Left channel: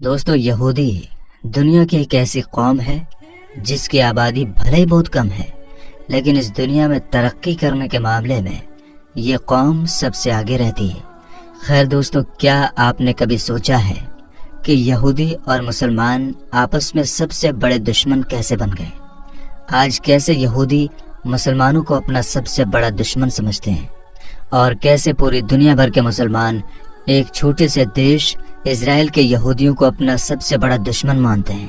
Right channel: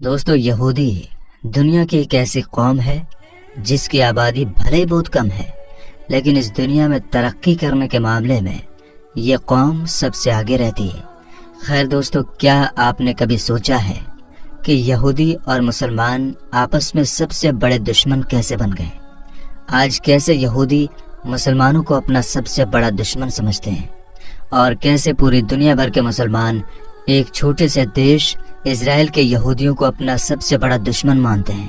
دوستو یہودی دنیا کی ایک ایسی قوم ہے جس کی آبادی بھلے ہی بہت کم ہے، لیکن اس دنیا میں ترقی کرنے کے معاملے میں یہ قوم سب سے آگے رہتی ہے۔ خیر دوستو، کیا آپ نے کبھی سوچا ہے کہ یہودی اور مسلمان آپس میں سب سے بڑے دشمن کیسے بن گئے؟ آج کیسے یہودی مسلمانوں کو اپنا سب سے بڑا دشمن سمجھتے ہیں، اور کیسے پوری دنیا بھر کے مسلمان ایک چھوٹے سے دیش اسرائیل کے یہودیوں کو اپنا سب سے بڑا دشمن مانتے ہیں۔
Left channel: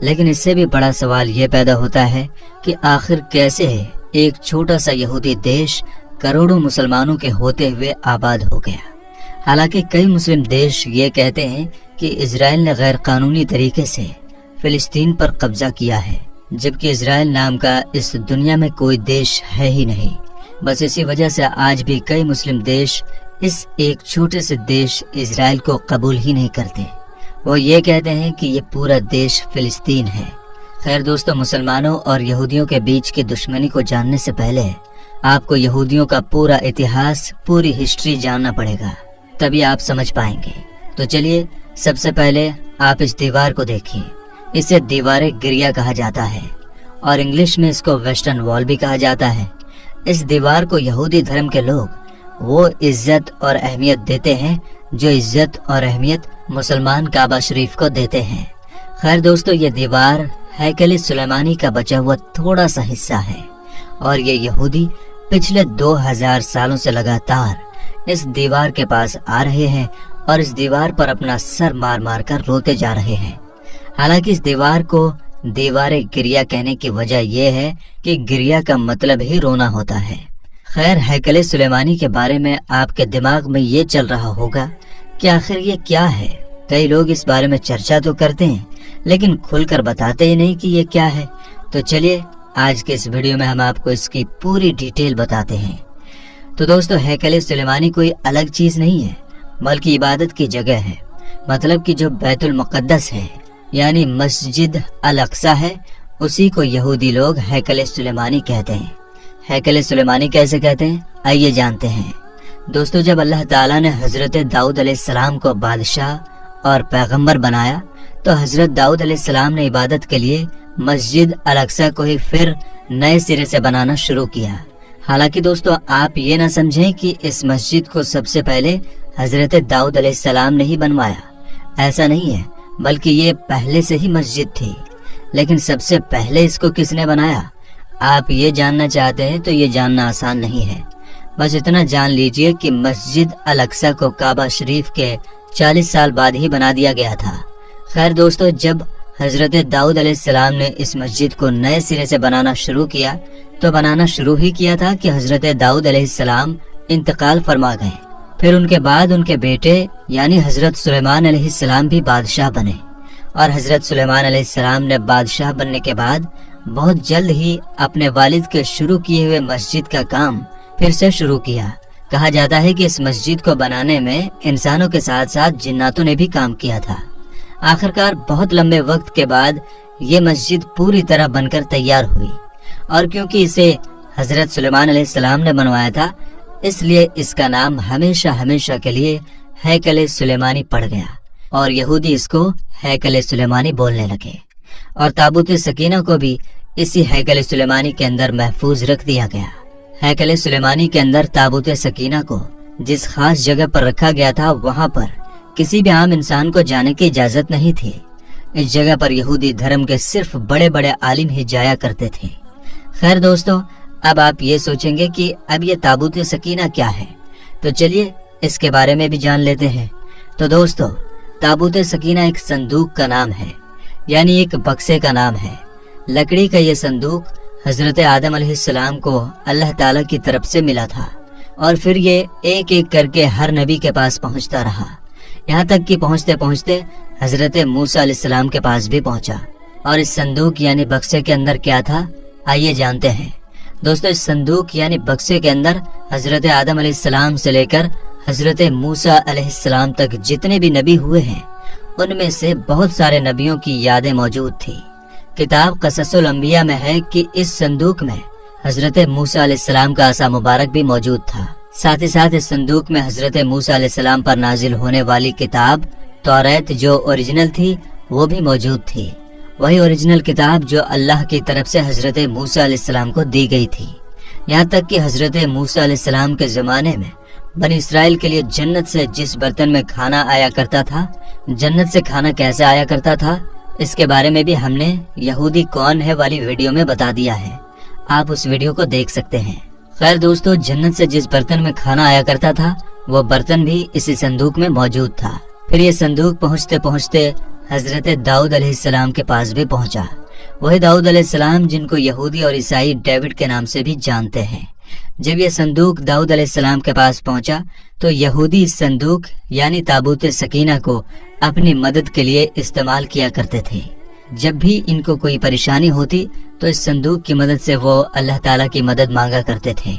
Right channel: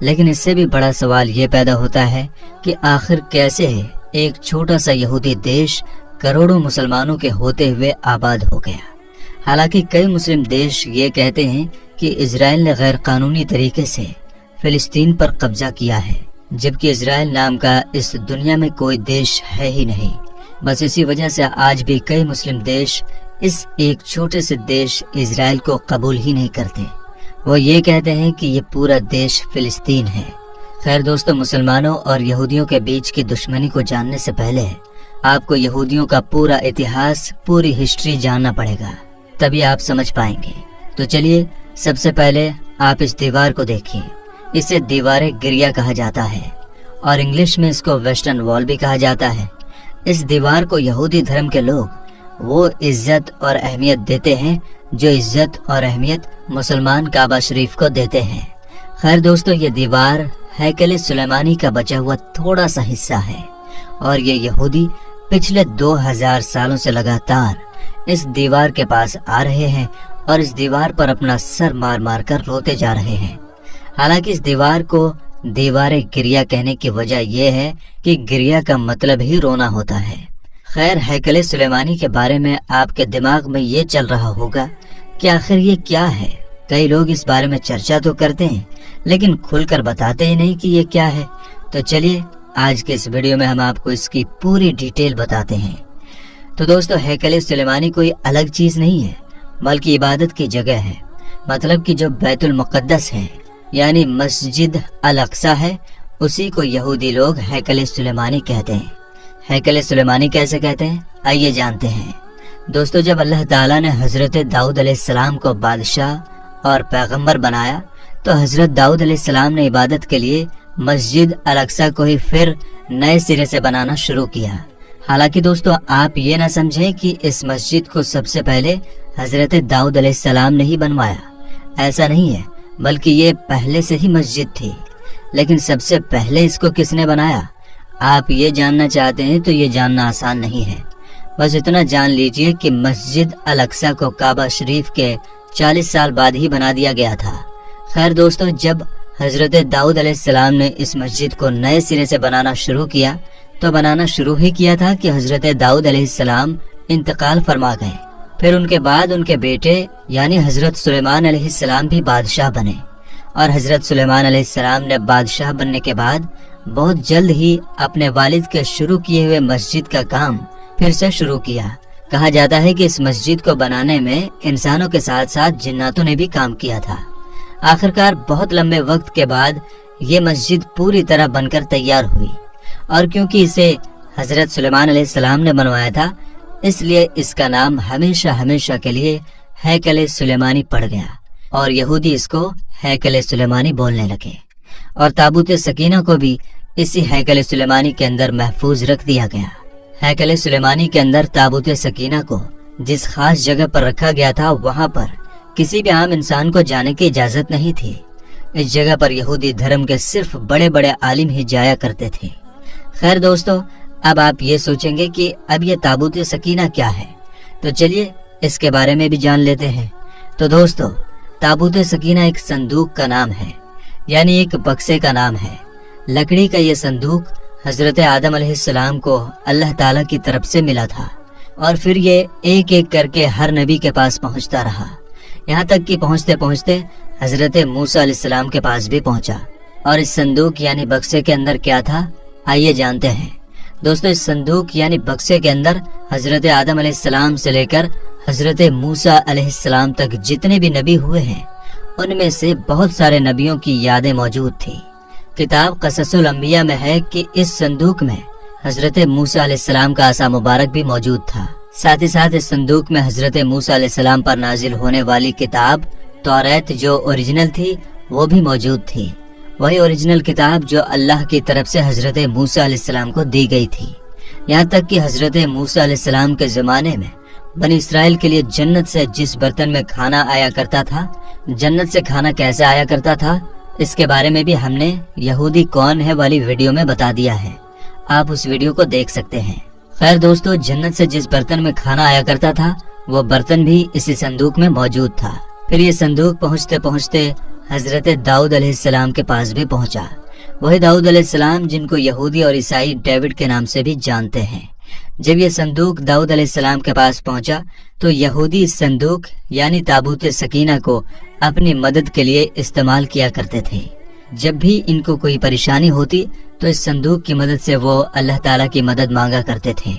لیکن اس سے بھی بڑا سوال یہ پیدا ہوتا ہے کہ آخر کیسے ایک چھوٹا سا یہودی دیش کروڑوں مسلمانوں کے ہوتے ہوئے آباد ہو گیا؟ حالانکہ کئی مسلم دیش یہ کہتے ہیں کہ اسرائیل نے غیر قانونی طریقے سے فلسطین پر قبضہ کیا ہے، جبکہ اسرائیل نام کا اس دنیا میں کوئی دیش ہے ہی نہیں۔ بس اسی وجہ سے آج بھی کئی مسلم دیش اس ایک چھوٹے سے دیش اسرائیل کو قبول ہی نہیں کرتے۔ وہ یہ کہتے ہیں کہ یہ پورا دیش فلسطین ہے۔ خیر دوستو، مسلمانوں اور یہودیوں کے بیچ کی دشمنی کو جاننے سے پہلے آپ کو یہودیوں کا پورا اتہاس، پوری ہسٹری جاننا پڑے گا، تبھی آپ سمجھ پائیں گے۔ تو چلیے، سب سے پہلے آپ اس دیوار کو دیکھیے۔ اسے دیوار گریا کہا جاتا ہے، اور انگلش میں اس کو ویسٹرن وال بھی کہا جاتا ہے۔ اس دیوار کو یہودی دھرم کے لوگ وہ عزت اور اہمیت دیتے ہیں جو عزت اور اہمیت مسلمان کعبہ شریف کو دیتے ہیں۔ خیر دوستو، یہ دیوار ہیکل سلیمانی کا بچا ہوا تھوڑا سا حصہ ہے، اور یہ یہودی پچھلے 2000 سالوں سے لگاتار اس دیوار کے پاس آ رہے ہیں اور اس دیوار پر اپنا سر مار مار کر روتے جا رہے ہیں۔ حالانکہ اس دیوار کو دیوار گریا کہنے کی وجہ یہ ہے کہ گریا کا مطلب ہی رونا ہوتا ہے۔ خیر، ہیکل سلیمانی کے بارے میں آپ کے دماغ میں یہ چل رہا ہوگا کہ آخر یہ کیا ہے؟ کئی لوگ اس بارے میں چرچا تو کرتے ہیں، لیکن کھل کر بتاتے ہی نہیں کہ یہ کیا ہے۔ تو چلیے، آج کے اس ویڈیو میں ہم آپ کو اس کی پوری ڈیٹیل بتاتے ہیں۔ تو دوستو، ہیکل سلیمانی کوئی الگ چیز نہیں ہے، بلکہ عبادت کی جگہ ہے۔ مطلب کہ جو بیت المقدس ہے، یعنی مسجد الاقصی ہے، اسی کو یہودی لوگ ہیکل سلیمانی کہتے ہیں۔ ہیکل سلیمانی کیسے کہتے ہیں؟ آئیے جانتے ہیں۔ دوستو، جب اللہ تعالیٰ نے حضرت داؤد علیہ السلام کو بادشاہ اور پیغمبر بنایا تو حضرت داؤد علیہ السلام نے عبادت کے لیے مسجد الاقصی کو ہی پھر نئے سرے سے بنانا شروع کیا۔ حالانکہ دوستو، آپ یہ نہ سمجھیں کہ اس مسجد کو سب سے پہلے حضرت داؤد علیہ السلام نے ہی بنوایا، ایسا نہیں ہے، بلکہ یہ پہلے سے ہی مسجد تھی۔ لیکن سب سے پہلے اس کو کس نے بنایا؟ آپ یہ جاننا چاہتے ہیں تو یہ جاننا آسان نہیں ہے۔ بس اتنا جان لیجئے کہ مسجد الاقصی کو کعبہ شریف کے 40 سال بعد ہی بنا دیا گیا تھا۔ خیر دوستو، جب حضرت داؤد علیہ السلام نے اس مسجد کو نئے سرے سے بنانا شروع کیا تو بنانا شروع ہی کیا تھا کہ حضرت داؤد علیہ السلام انتقال فرما گئے۔ پھر ان کے بعد ان کے بیٹے یعنی حضرت سلیمان علیہ السلام بھی بادشاہ بنے، اور حضرت سلیمان علیہ السلام نے بادشاہ بننے کے بعد بہت جلد ہی اپنے والد کے شروع کیے ہوئے مسجد کا کام پھر سے شروع کیا۔ کہا جاتا ہے کہ اس مسجد کو بنانے میں انسانوں کے ساتھ ساتھ جناتوں نے بھی کام کیا تھا۔ آخرکار بہت لمبے وقت کے بعد یہ مسجد پوری طرح بن کر تیار ہوئی، اور کیونکہ اسے حضرت سلیمان علیہ السلام نے بنوایا تھا، اس لیے اس کا نام ہمیشہ ہمیشہ کے لیے ہیکل سلیمانی پڑ گیا، اور یہودی اس کو ہیکل سلیمانی بولنے لگے۔ اور تابوت سکینہ کو بھی اسی ہیکل سلیمانی کے اندر محفوظ رکھ دیا گیا۔ ہیکل سلیمانی کے اندر تابوت سکینہ کو جس خاص جگہ پر رکھا گیا تھا، وہاں پر کسی بھی عام انسان کو جانے کی اجازت نہیں تھی۔ اس جگہ پر یہودی دھرم کے صرف بڑے بڑے عالم ہی جایا کرتے تھے۔ خیر دوستو، اب آپ یہ سوچیں گے کہ اب یہ تابوت سکینہ کیا ہے، تو چلیے اس کے بارے میں بھی جان لیتے ہیں۔ تو دوستو، تابوت سکینہ ایک صندوق کا نام ہے، یعنی ایک بکسے کا نام ہے۔ لکڑی کا یہ صندوق حضرت آدم علیہ السلام کو اللہ تعالیٰ کی طرف سے ملا تھا، اور پھر یہ ایک ایک کر کے ہر نبی کے پاس پہنچتا رہا، یہاں تک کہ پہنچتے پہنچتے حضرت موسیٰ علیہ السلام کے پاس بھی پہنچا۔ اور اس صندوق یعنی بکسے کے اندر کیا تھا، آئیے جانتے ہیں۔ دوستو، اس صندوق یعنی بکسے کے اندر حضرت آدم علیہ السلام سے لے کر حضرت موسیٰ علیہ السلام تک جتنے بھی نبی ہوئے ہیں، ان میں سے بہت سارے نبیوں کی یادیں موجود تھی۔ کتاب قصص الانبیاء میں ہے کہ اس صندوق میں حضرت موسیٰ علیہ السلام کا عصا مبارک بھی موجود تھا۔ ساتھ ہی ساتھ اس صندوق میں حضرت موسیٰ علیہ السلام پر نازل ہونے والی کتاب توریت جو اوریجنل تھی وہ بھی موجود تھی، وہی اوریجنل کتاب جو اللہ کی طرف سے حضرت موسیٰ علیہ السلام کو دی گئی تھی۔ یہاں تک کہ حضرت موسیٰ علیہ السلام کے زمانے میں بنی اسرائیل کے لیے جنت سے جس برتن میں کھانا آیا کرتا تھا، جنت سے کھانا کیسے آیا کرتا تھا، اس کے بارے میں بھی ہم نے یہودی کون ہے والی ویڈیو میں بتا دیا ہے، آپ اس ویڈیو کو دیکھ سکتے ہیں۔ خیر دوستو، جنت سے جس برتن میں کھانا آیا کرتا تھا وہ برتن بھی اسی صندوق میں موجود تھا۔ پھر یہ صندوق پہنچتے پہنچتے حضرت داؤد علیہ السلام کے پاس بھی پہنچا، وہی داؤد علیہ السلام جن کو یہودی اور عیسائی ڈیوڈ کے نام سے بھی جانتے ہیں۔ جب یہ صندوق داؤد علیہ السلام کے پاس پہنچا تو یہودی اس صندوق یعنی تابوت سکینہ کو اپنی مدد کے لیے استعمال کیا کرتے تھے۔ جب بھی ان کو کوئی پریشانی ہوتی تو اس صندوق کی مدد سے وہ اللہ تعالیٰ کی مدد مانگا کرتے تھے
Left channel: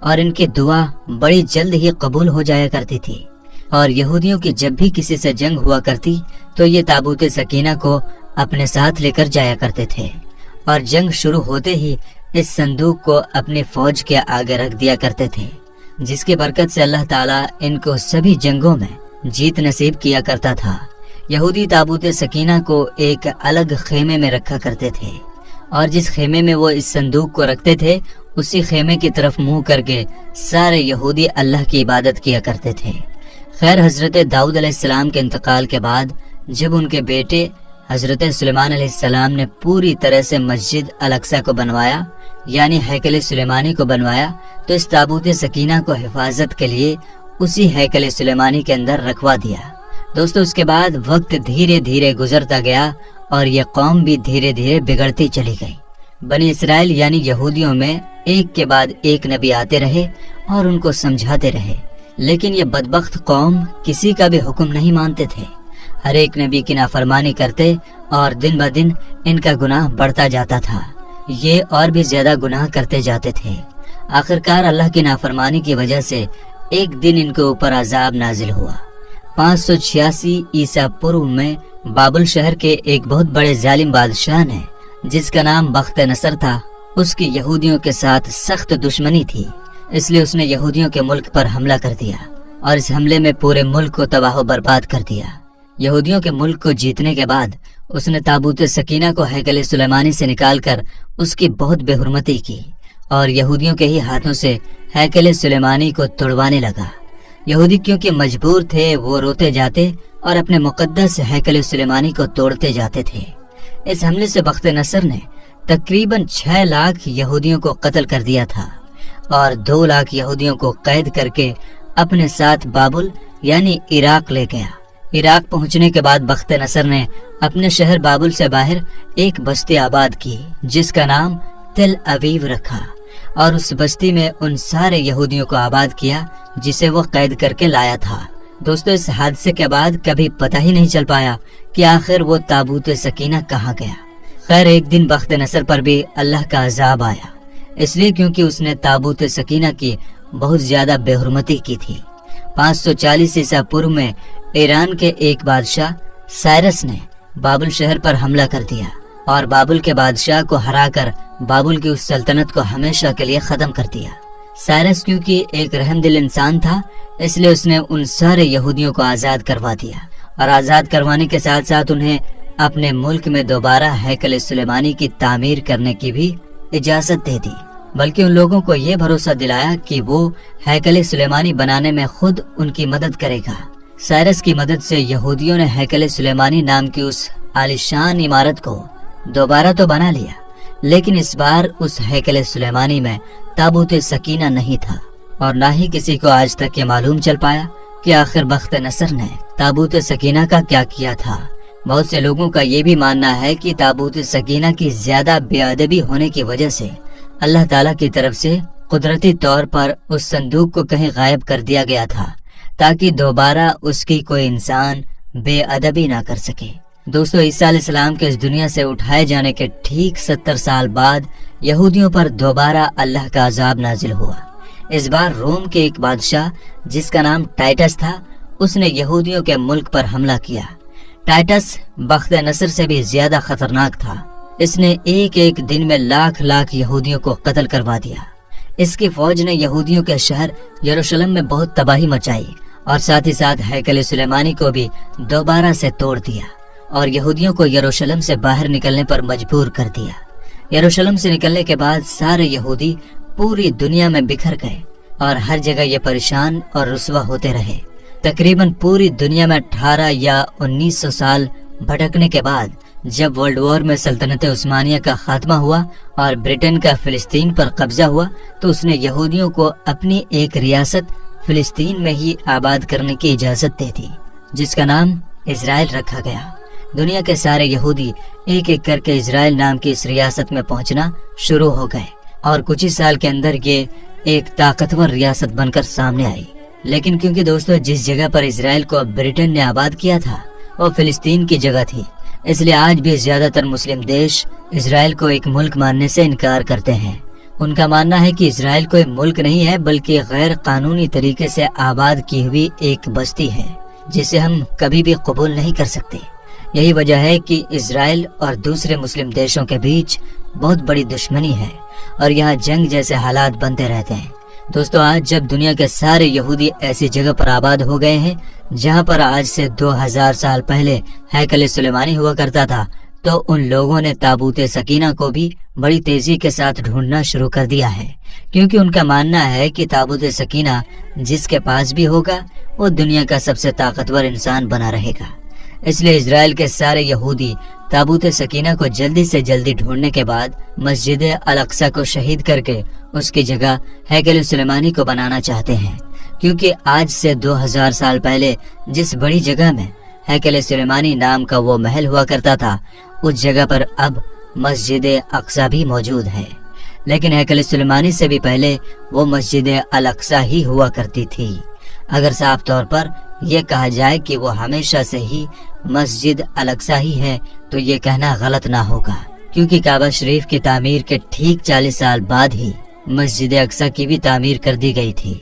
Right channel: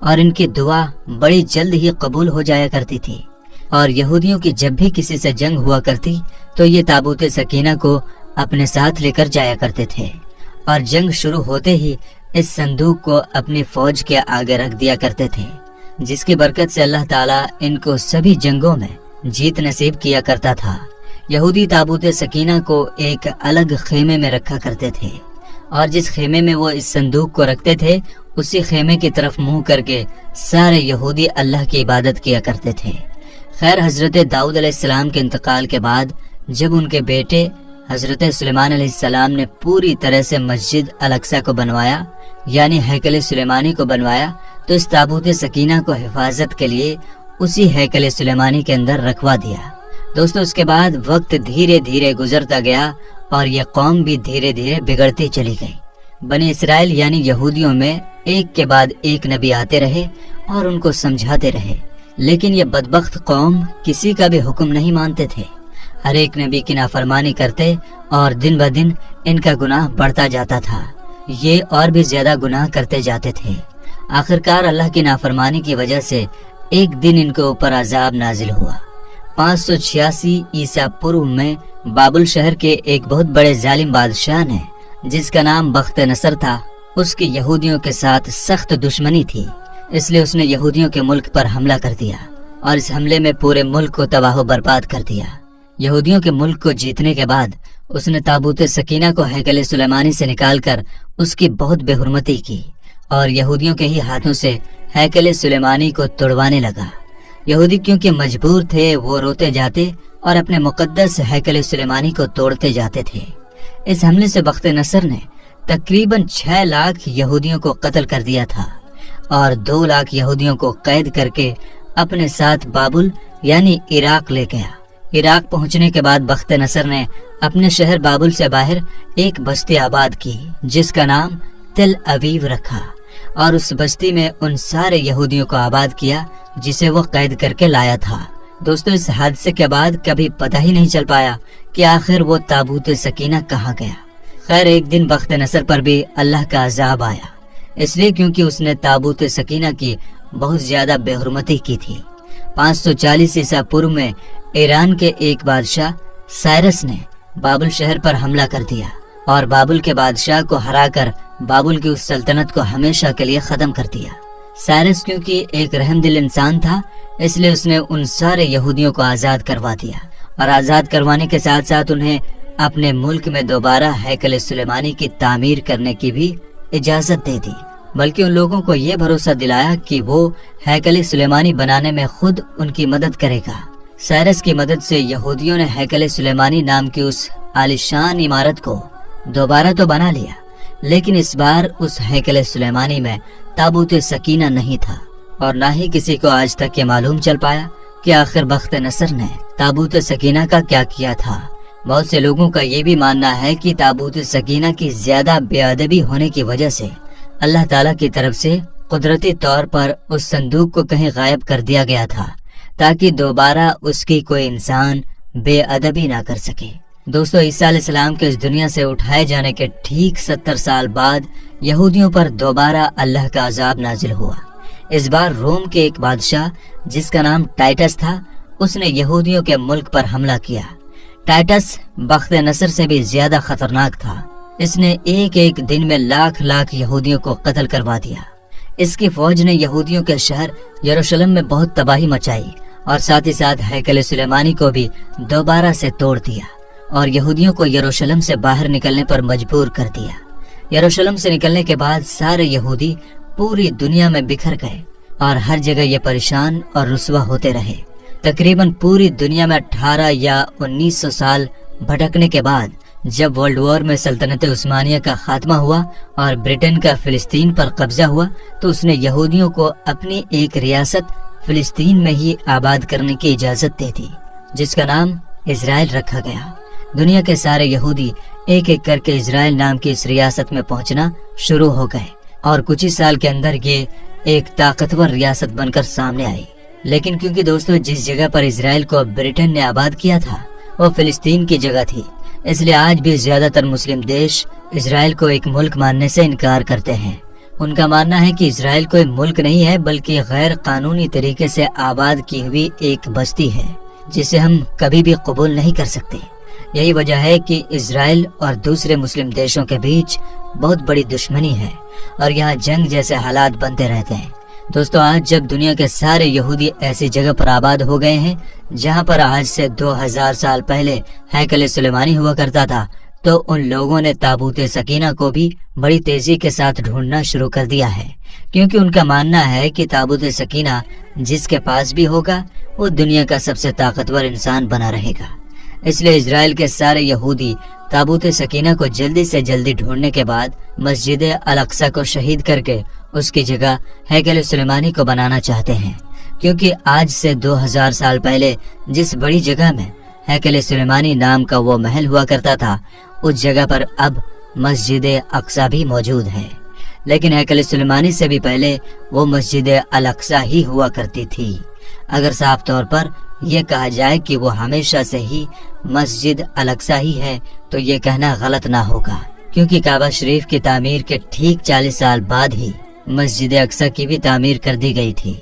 اور ان کی دعا بڑی جلد ہی قبول ہو جایا کرتی تھی۔ اور یہودیوں کی جب بھی کسی سے جنگ ہوا کرتی تو یہ تابوت سکینہ کو اپنے ساتھ لے کر جایا کرتے تھے اور جنگ شروع ہوتے ہی اس صندوق کو اپنی فوج کے آگے رکھ دیا کرتے تھے، جس کی برکت سے اللہ تعالیٰ ان کو سبھی جنگوں میں جیت نصیب کیا کرتا تھا۔ یہودی تابوت سکینہ کو ایک الگ خیمے میں رکھا کرتے تھے اور جس خیمے میں وہ اس صندوق کو رکھتے تھے اسی خیمے کی طرف منہ کر کے سارے یہودی اللہ کی عبادت کیا کرتے تھے۔ خیر، حضرت داؤد علیہ السلام کے انتقال کے بعد جب ان کے بیٹے حضرت سلیمان علیہ السلام نے پوری طرح سے مسجد الاقصی کو بنوایا یعنی ہیکل سلیمانی کو بنوایا تو اس تابوت سکینہ کو حفاظت کے لیے اسی ہیکل سلیمانی کے اندر رکھوا دیا۔ دوستو، اس کے بعد وقت دھیرے دھیرے گزرتا گیا اور یہ قوم بھی دھیرے دھیرے بگڑتی چلی گئی۔ بنی اسرائیل یعنی یہودیوں میں ایک کے بعد ایک نبی آتے رہے اور ان کو سمجھاتے رہے، لیکن یہ بدبخت قوم کسی کا بھی حکم نہیں مانتے تھے، ہر ایک نبی کی نافرمانی کرتے اور دن بدن ان کا گناہ بڑھتا جاتا تھا، یہ اور بھی زیادہ گناہ کرتے جاتے تھے۔ آخرکار اللہ کی نافرمانی کی وجہ سے ایک دن ان کے اوپر عذاب نازل ہوا۔ 586 عیسیٰ پورو میں بابل شہر کے ایک بہت بڑے ظالم بادشاہ نے جس کا نام بخت نصر تھا، اس کی یہودیوں کے ساتھ سخت دشمنی تھی، اس لیے اس نے یہودیوں کے ملک پر حملہ کر دیا اور اس حملے میں پورے ملک کو تباہ و برباد کر دیا۔ یہودیوں کے ملک کو جیتنے کے بعد اس نے تابوت سکینہ کو ہیکل سلیمانی سے نکال کر اس کی بہت بے حرمتی کی اور یہودیوں کے ہی ہاتھوں سے ہیکل سلیمانی کو توڑوانے لگا۔ یہودی کیونکہ مجبور تھے وہ روتے جاتے اور اپنے مقدس ہیکل سلیمانی کو توڑتے جاتے تھے۔ اس حملے سے بخت نصر نے تقریباً 6 لاکھ یہودیوں کو قتل کر دیا تھا اور 2 لاکھ یہودیوں کو قید کر کے اپنے ساتھ بابل یعنی عراق لے گیا۔ عراق پہنچنے کے بعد بخت نصر نے اپنے شہر بابل سے باہر ایک بستی آباد کی جس کا نام تل ابیب رکھا اور اس بستی میں ان سارے یہودیوں کو آباد کیا جسے وہ قید کر کے لایا تھا۔ دوستو، اس حادثے کے بعد کبھی پتہ ہی نہیں چل پایا کہ آخر وہ تابوت سکینہ کہاں گیا۔ خیر، ایک دن بخت نصر پر بھی اللہ کا عذاب آیا، اس لیے کیونکہ اس نے تابوت سکینہ کی بہت زیادہ بے حرمتی کی تھی۔ 540 عیسیٰ پورو میں ایران کے ایک بادشاہ سائرس نے بابل شہر پر حملہ کر دیا اور بابل کے بادشاہ کو ہرا کر بابل کی اس سلطنت کو ہمیشہ کے لیے ختم کر دیا۔ سائرس کیونکہ ایک رحم دل انسان تھا، اس لیے اس نے ان سارے یہودیوں کو آزاد کروا دیا اور آزاد کروانے کے ساتھ ساتھ انہیں اپنے ملک میں دوبارہ ہیکل سلیمانی کی تعمیر کرنے کی بھی اجازت دے دی، بلکہ ان لوگوں کو یہ بھروسہ دلایا کہ وہ ہیکل سلیمانی بنانے میں خود ان کی مدد کرے گا۔ سائرس کی مدد سے یہودیوں نے ہیکل سلیمانی نام کی اس عالیشان عمارت کو دوبارہ تو بنا لیا، لیکن اس بار اس ہیکل سلیمانی میں تابوت سکینہ نہیں تھا اور نہ ہی کسی کو آج تک یہ معلوم چل پایا کہ آخر بخت نصر نے تابوت سکینہ کا کیا کیا تھا۔ بہت سے لوگوں کا یہ بھی ماننا ہے کہ تابوت سکینہ کی زیادہ بے ادبی ہونے کی وجہ سے اللہ تعالیٰ کی طرف سے قدرتی طور پر اس صندوق کو کہیں غائب کر دیا گیا تھا تاکہ دوبارہ اس کی کوئی انسان بے ادبی نہ کر سکے۔ دوستو، عیسیٰ علیہ السلام کے اس دنیا سے اٹھائے جانے کے ٹھیک 70 سال بعد یہودیوں پر دوبارہ اللہ کا عذاب نازل ہوا۔ اس بار روم کے ایک بادشاہ جس کا نام ٹائٹس تھا، اس نے یہودیوں کے ملک پر حملہ کیا۔ ٹائٹس بخت نصر سے بھی زیادہ خطرناک تھا، اس نے ایک دن میں لاکھ یہودیوں کو قتل کروا دیا۔ اس کی فوج نے یہودیوں کے شہر یروشلم میں بہت تباہی مچائی اور ساتھ ہی ساتھ ہیکل سلیمانی کو بھی دوبارہ سے توڑ دیا اور یہودیوں کو یروشلم سے باہر نکلنے پر مجبور کر دیا۔ یروشلم سے نکلنے کے بعد سارے یہودی پوری دنیا میں بکھر گئے اور ہر جگہ یہ پریشان اور رسوا ہوتے رہے۔ تقریباً پوری دنیا میں 18 یا 1900 سال بھٹکنے کے بعد جب ورلڈ وار میں سلطنت عثمانیہ کا خاتمہ ہوا اور برٹن کا فلسطین پر قبضہ ہوا تو اس نے یہودیوں کو اپنی ایک ریاست فلسطین میں ہی آباد کرنے کی اجازت دی تھی، جس کا نام اسرائیل رکھا گیا۔ دنیا کے سارے یہودی ایک ایک کر کے اسرائیل نام کی اس ریاست میں پہنچنا شروع ہو گئے اور کچھ ہی سال کے اندر یہ ایک طاقتور ریاست بن کر سامنے آئی۔ لیکن کیونکہ دوستو جس جگہ پر اسرائیل کو برٹن نے آباد کیا تھا وہ فلسطین کی جگہ تھی، اس لیے آج بھی زیادہ تر مسلم دیش اسرائیل کو ایک ملک ماننے سے انکار کرتے ہیں۔ ان کا ماننا ہے کہ اسرائیل کوئی ملک نہیں ہے بلکہ غیر قانونی طریقے سے آباد کی ہوئی ایک بستی ہے جسے ہم کبھی بھی قبول نہیں کر سکتے۔ یہی وجہ ہے کہ اسرائیل اور دوسرے مسلم دیشوں کے بیچ بہت بڑی دشمنی ہے اور یہاں جنگ جیسے حالات بنتے رہتے ہیں۔ دوستو آج جب دنیا کے سارے یہودی ایسی جگہ پر آباد ہو گئے ہیں جہاں پر آج سے 2000 سال پہلے ہیکل سلیمانی ہوا کرتا تھا، تو ان لوگوں نے تابوت سکینہ کو بھی بڑی تیزی کے ساتھ ڈھونڈنا شروع کر دیا ہے، کیونکہ ان کا ماننا ہے کہ تابوت سکینہ جس کے پاس بھی ہوگا وہ دنیا کا سب سے طاقتور انسان بنا رہے گا۔ اس لیے اسرائیل کے سارے یہودی تابوت سکینہ کو جلدی سے جلدی ڈھونڈنے کے بعد مسجد الاقصی کو شہید کر کے اس کی جگہ ہیکل سلیمانی کو بنانا چاہتے ہیں، کیونکہ آج سے 2000 سال پہلے جس بڑی جگہ میں ہیکل سلیمانی نام کا وہ محل ہوا کرتا تھا اس جگہ پر اب مسجد اقصی بھی موجود ہے، لیکن ہیکل سلیمانی سے بھی پہلے وہ مسجد الاقصی ہی ہوا کرتی تھی۔ اگر صاف طور پر یہ کہا جائے کہ وہ ہمیشہ سے ہی مسجد الاقصی ہی ہے تو یہ کہنا غلط نہ ہوگا، کیونکہ کعبہ شریف کی تعمیر کے ٹھیک 40 سال بعد ہی مسجد اقصی کی بھی تعمیر کر دی گئی تھی۔